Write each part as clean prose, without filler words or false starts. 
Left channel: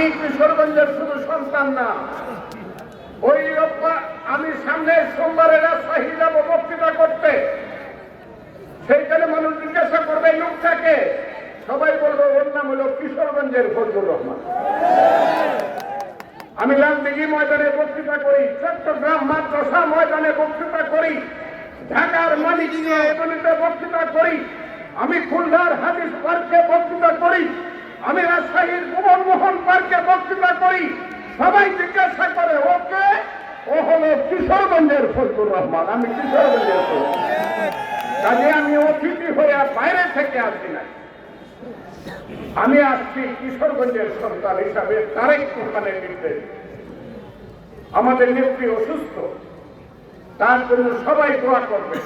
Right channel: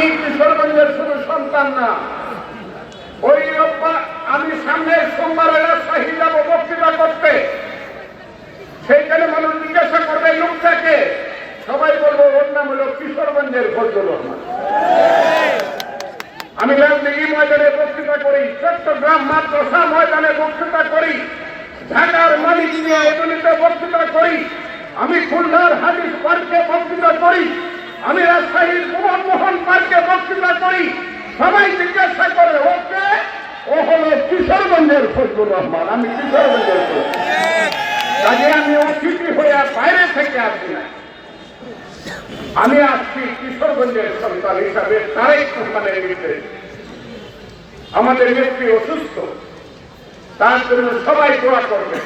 আমি কিশোরগঞ্জের শুধু সন্তান না, ওই আমি সামনের সোমবারে রাজশাহী যাব বক্তৃতা করতে। সেইখানে মানুষ জিজ্ঞাসা করবে লোকটাকে, সবাই বলবো ওর নাম হলো কিশোরগঞ্জের ফজলুর রহমান। আমি রাজনীতি ময়দানে বক্তৃতা করি, চট্টগ্রাম মাদ্রাসা ময়দানে বক্তৃতা করি, ঢাকার মানিকগঞ্জে এগুলিতে বক্তৃতা করি, আমি খুলনার হাদিস পার্কে বক্তৃতা করি, আমি রাজশাহীর মোহন পার্কে বক্তৃতা করি। সবাই জিজ্ঞাসা করে ওকে, ও হলো কিশোরগঞ্জের ফজলুর রহমান। আমি কিশোরগঞ্জের কাজে আমি অতিথি হয়ে বাইরে থেকে আসি না, আমি আসছি কিশোরগঞ্জের সন্তান হিসাবে। তারেক রহমানের বিরুদ্ধে আমাদের নেত্রী অসুস্থ, তার জন্য সবাই দোয়া করবে।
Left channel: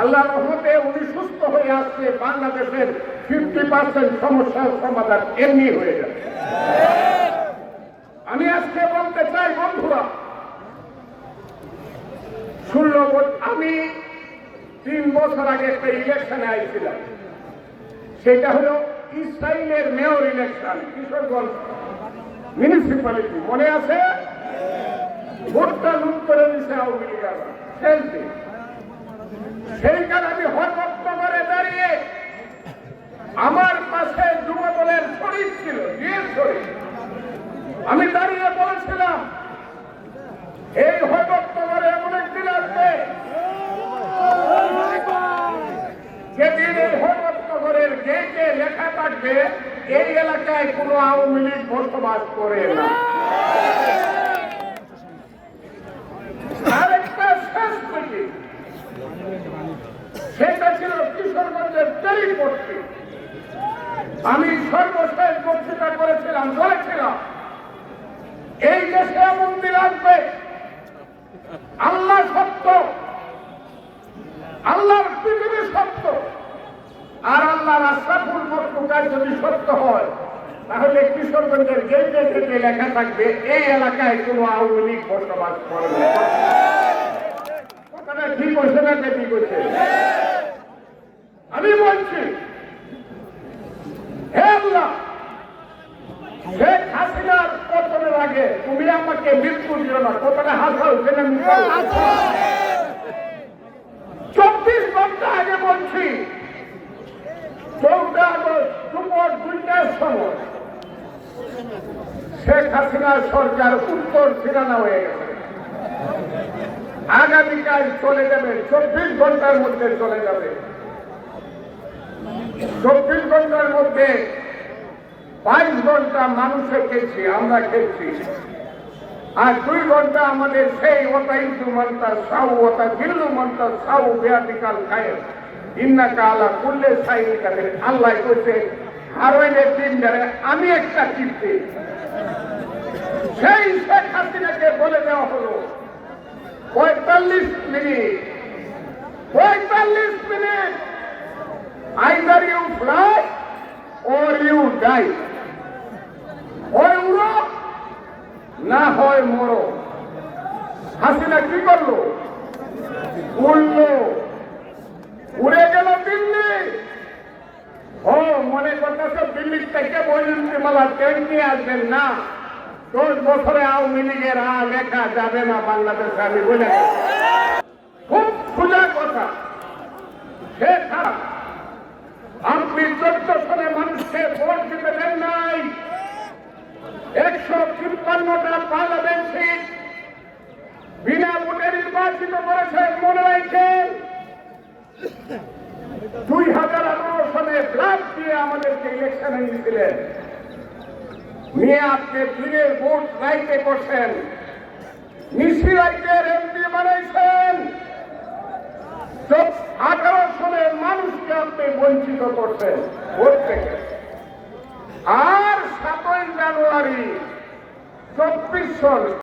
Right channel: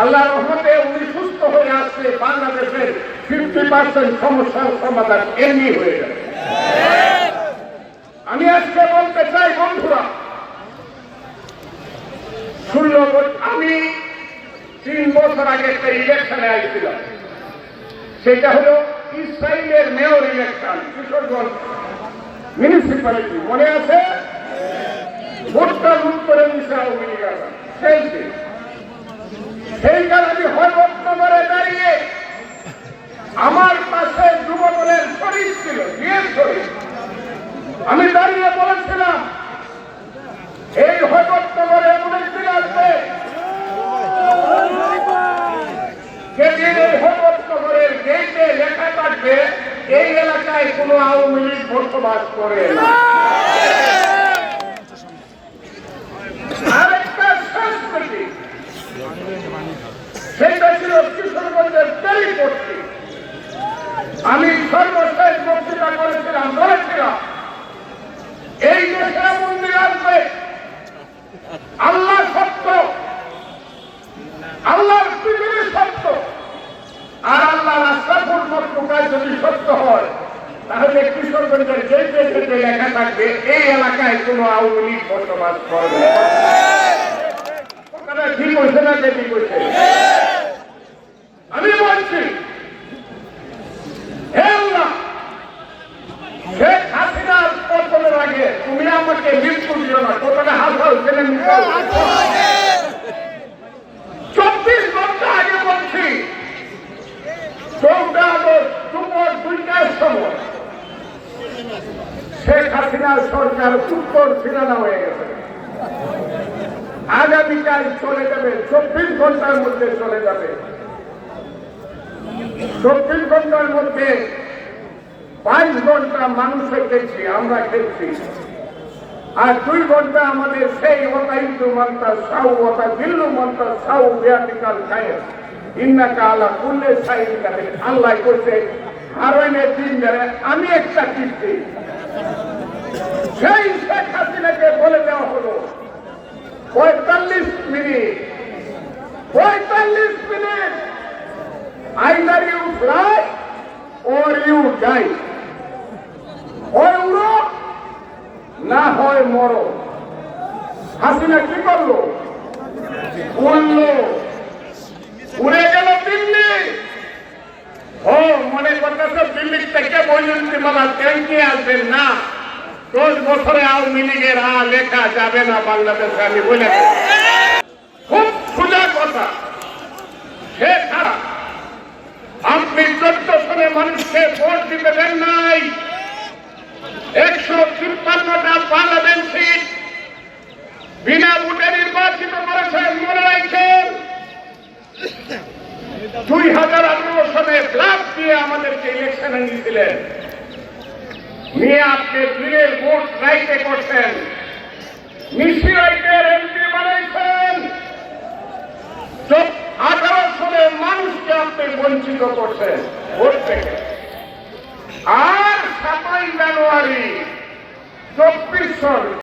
আল্লাহ রহমতে উনি সুস্থ হয়ে আসছে, বাংলাদেশের 50% সমস্যার সমাধান এমনি হয়ে যাবে। আমি আজকে বলতে চাই বন্ধুরা, আমি 3 বছর আগে একটা ইলেকশনে আসছিলাম, সেটা হলো ইসরায়েলের মেয়র ইলেকশন, কিশোরগঞ্জ মিউনিসিপ্যালিটি, মনে আছে? ভোটটা উত্তরে দিচ্ছে আওয়ামী লীগ। সেইবার আমি হরবরে দাঁড়িয়ে, আমার পাশে যুবদলের শরীর ছিল, বিয়ের শরীর, আমি দাঁড়িয়ে বলেছিলাম এই হরবরে এমন একদিন আসবে যেদিন এই হরবরের গেটে লেখা থাকবে এই এলাকায় কোনো আওয়ামী লীগ বসবাস করে না। আরেকটা সংস্কৃতি, সেটা ছিল কিশোরগঞ্জের পরিবর্তী। আমি সর্বশেষ বক্তৃতা করেছিলাম, বলেছিলাম এই দেশে মন্দির আসবে, আল্লাহ সত্য, আল্লাহর পৃথিবী সত্য, আর আল্লাহ রাস্তাপুর মক্কায় যদি সত্য হয়, তাহলে কিশোরগঞ্জের যে লেখা থাকবে এই এলাকায় কোনো আওয়ামী লীগ বসবাস করবে না। ঠিক হয়েছে না? ঠিক হয়েছে। আমি বলছি হে আল্লাহ, শেখ হাসিনার পতনের আগে তুমি আমাকে মৃত্যু দিও না। কতটা হাসা হচ্ছে না? 24 ঘন্টা আগে বলছি, 14 আগস্ট দুপুর 2টার সময় শেখ হাসিনার সরকার উত্তর ফিরানো হয়ে গেছে। আগামীকাল চলে যাবে, 24 ঘন্টার মধ্যে চলে যাবে। 24 ঘন্টার মধ্যে 5 ঘন্টা মানুষের খেয়েছি, আমরা খেয়েছি, আর 2 ঘন্টা আমাদের সেই অতাইতু মান্তা সাউ অতা গিল্লু মান্তা সাউ বেয়াতিকাল খায় ইন্নাকা আলা কুল্লে সাইন করে। আল্লাহ করছে হারাইনের দিন যারা আমি একটা কিস্তি, সেই শেখ হাসিনাকে বলে দেওয়া হলো 45 minute, 45 minute, either you fly or you die, হয় উড়ো না হয় মরো। হাসিনা কি করলো? উড়লো, উড়ে গেল দিল্লি। ও মনে করতেছ দিল্লির থেকে বৈজন্তীমালা তেল নিয়ে আসবেন না, 10 বছরে আওয়ামী লীগের লেখা যাবে না বাংলাদেশে। আমি বলে খুব সোজা কথা। সে ছাড়া আপনি 14 সালে মানুষকে ভোট দিতে দেন নাই, 153টা পার্লামেন্ট সিট বিনা ভোটে নির্বাচিত করেছেন। মনে রাখছেন 2018 সালে ব্লাফ দিয়ে আমাদেরকে ইলেকশনে নিয়েছিলেন, নিয়ে আপনি ফিরে ভোট রাইতে করছেন, নিশি রাইতের এমপি বানাইছেন। 18 সালে মানুষকে আপনি বঞ্চিত করছেন ভোট থেকে। আর 7ই জানুয়ারি 24 সাল